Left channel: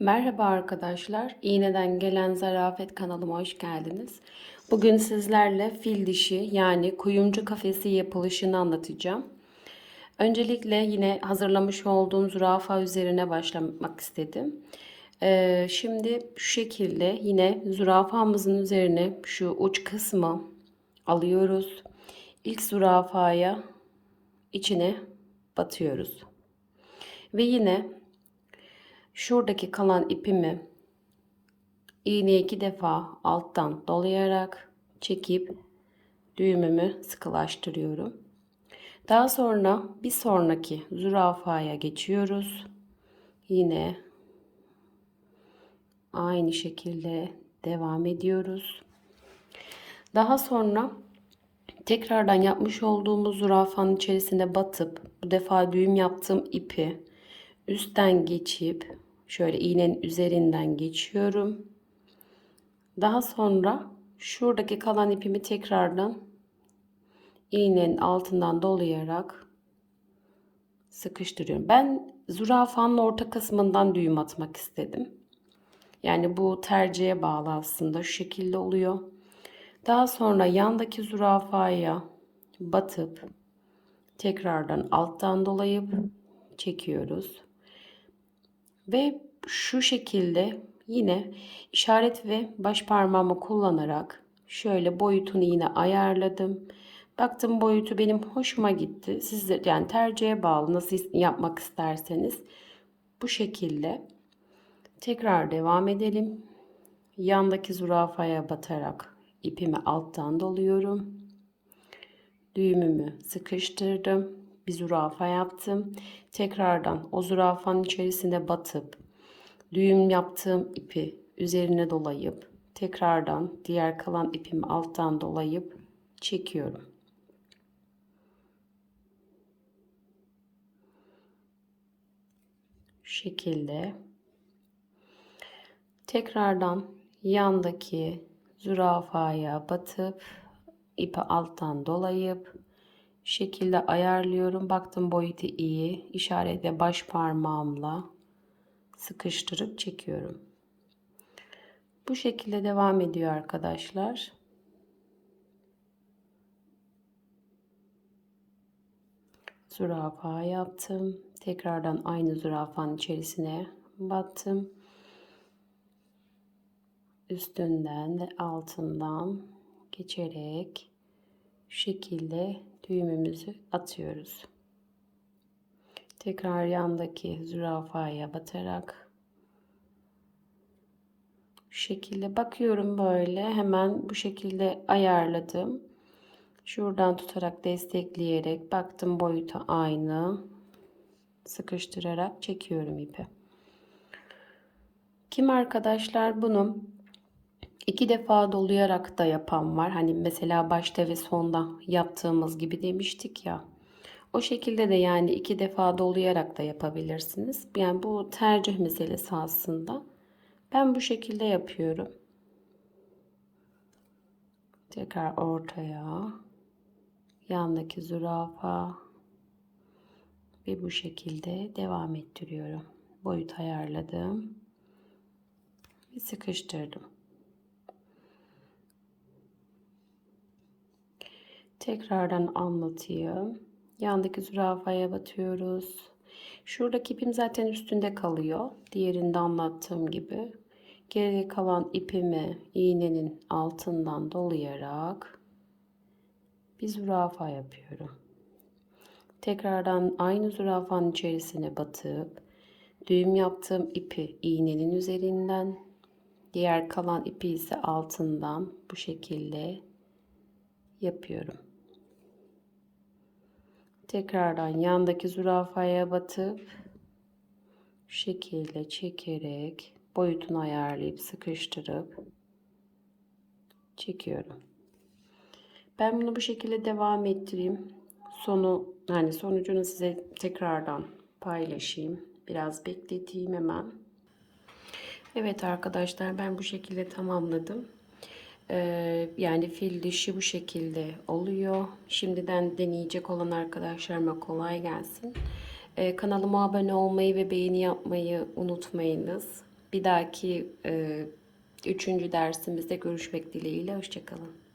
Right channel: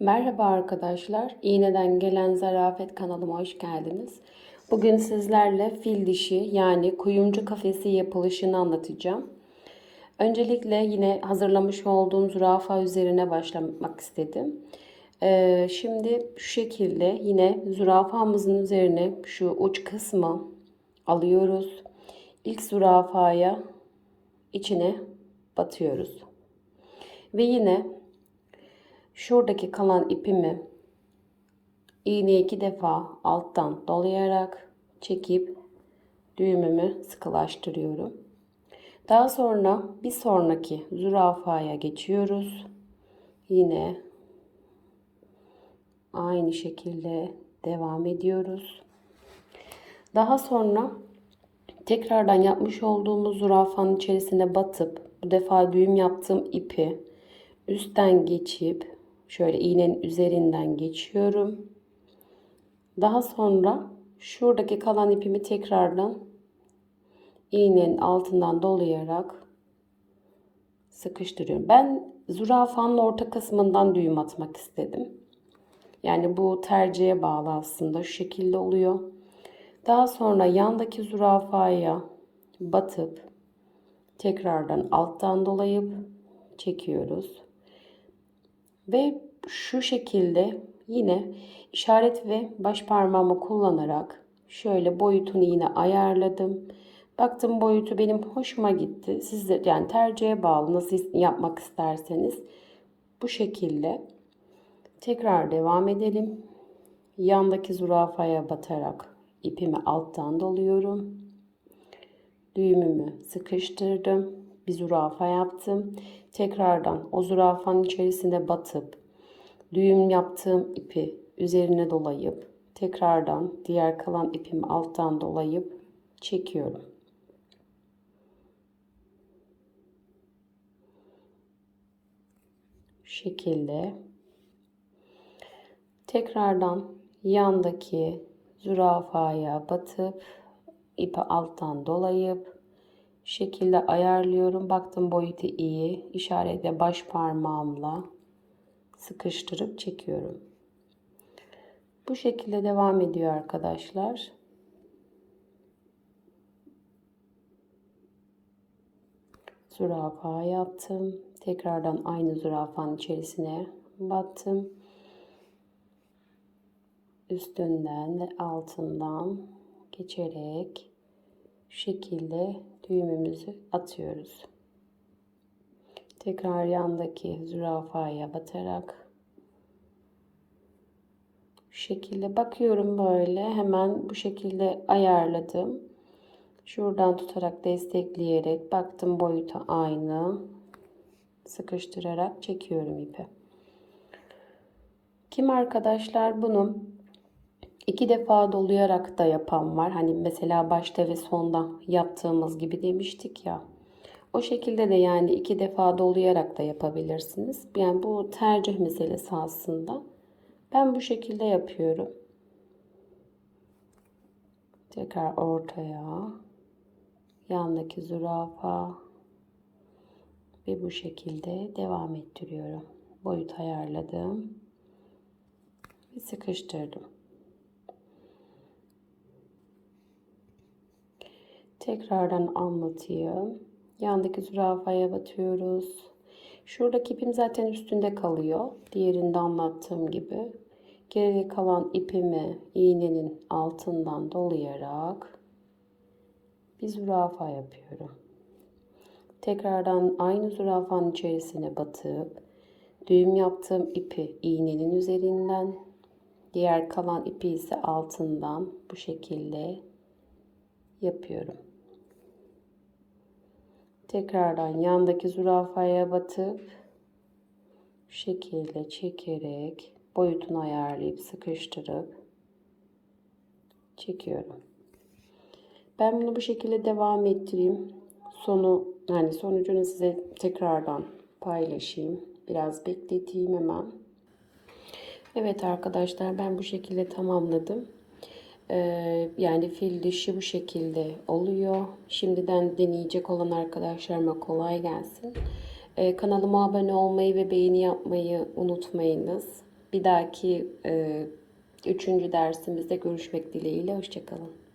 Merhaba arkadaşlar. İğneden gelen zarafet kanalıma hoş geldiniz. Bugün sizlerle fil dişi yani kuyumcu kafesi yapılışını anlatacağım. Öncelikle yine hazırlamış olduğum zürafa üzerine başlamak istedim. Ee, şimdi şu şekilde yine zürafamızın üzerine şu uç kısmı alıyoruz. İlk zürafaya içine batıyoruz. Ve yine Şuradaki kalan ipimi iğneyi iki defa alttan dolayarak çekip düğümümü sıkılaştırıyorum. Daha sonra bir sonraki zürafaya geçiyoruz. Yine aynı şekilde devam ediyoruz. Daha sonra tekrardan yapmış olduğumuz zürafanın içerisine batıp bu defa düğüm yaptığım ipi üstten geçip Şöyle iğnenin üzerinden geçiyorum. Daha sonra şuradaki kalan ipimi tekrardan iğnenin altından dolayarak sıkıştırıyorum. Ben zürafanın orta kısmından düğüm atmak istedim. Yani bu tercihe bağlı aslında şu şekilde oluyor. Daha sonra yandaki zürafaya batıp tekrardan alttan dolayıp çekiyoruz. Ve şu şekilde yine işaret ve baş parmağımı kullanarak şöyle boyutunu yine ayarladım. Baktım boyutu benim hoşuma gitti. Siz de yani tercihe bağlı nasıl yapmak isterseniz bu şekilde tekrar devam edelim. Yandaki zürafaya batarak ipimi alttan doluyorum. Düğümümü sıkıştırdım bir zürafa yaptım. Tekrardan o zürafanın içerisine batıp düğüm yaptığım ipi üzerine dolayıp tekrardan diğer kalan ipimi alttan dolayıp çekiyorum. Şu şekilde tekrardan yandaki zürafaya batıp ipi alttan dolayıp şekilde ayarlıyorum. Baktım boyutu iyi. İşaretle baş parmağımla sıkıştırıp çekiyorum. Bu şekilde devam ediyor arkadaşlar. Zürafa yaptım. Tekrardan aynı zürafanın içerisine battım. Üstünden ve altından geçerek şekilde düğümümüzü atıyoruz. Tekrar yandaki zürafaya batarak şu şekilde bakıyorum böyle hemen bu şekilde ayarladım. Şuradan tutarak destekleyerek baktım boyutu aynı. Sıkıştırarak çekiyorum ipi. Kim arkadaşlar bunun İki defa dolayarak da yapan var. Hani mesela başta ve sonda yaptığımız gibi demiştik ya. O şekilde de yani iki defa dolayarak da yapabilirsiniz. Yani bu tercih meselesi aslında. Ben bu şekilde yapıyorum. Tekrar ortaya. Yandaki zürafa. Ve bu şekilde devam ettiriyorum. Boyut ayarladım. Ve sıkıştırdım. Tekrardan anlatayım. Yandaki zürafaya batıyoruz. Şuradaki ipim zaten üstünde kalıyor. Diğerinde anlattığım gibi. Geriye kalan ipimi iğnenin altından dolayarak bir zürafa yapıyorum. Tekrardan aynı zürafanın içerisine batıp düğüm yaptığım ipi iğnenin üzerinden diğer kalan ipi ise altından bu şekilde yapıyorum. Tekrardan yandaki zürafaya batıp şu şekilde çekerek boyutunu ayarlayıp sıkıştırıp çekiyorum. Ben bunu bu şekilde devam ettireyim. Sonu yani sonucunu size tekrardan paylaşayım. Biraz bekleteyim hemen. Evet arkadaşlar ben bu şekilde tamamladım. Ee, yani fil dişi bu şekilde oluyor. Şimdiden deneyecek olan arkadaşlarıma kolay gelsin. Ee, kanalıma abone olmayı ve beğeni yapmayı unutmayınız. Bir dahaki e, üçüncü dersimizde görüşmek dileğiyle. Hoşçakalın.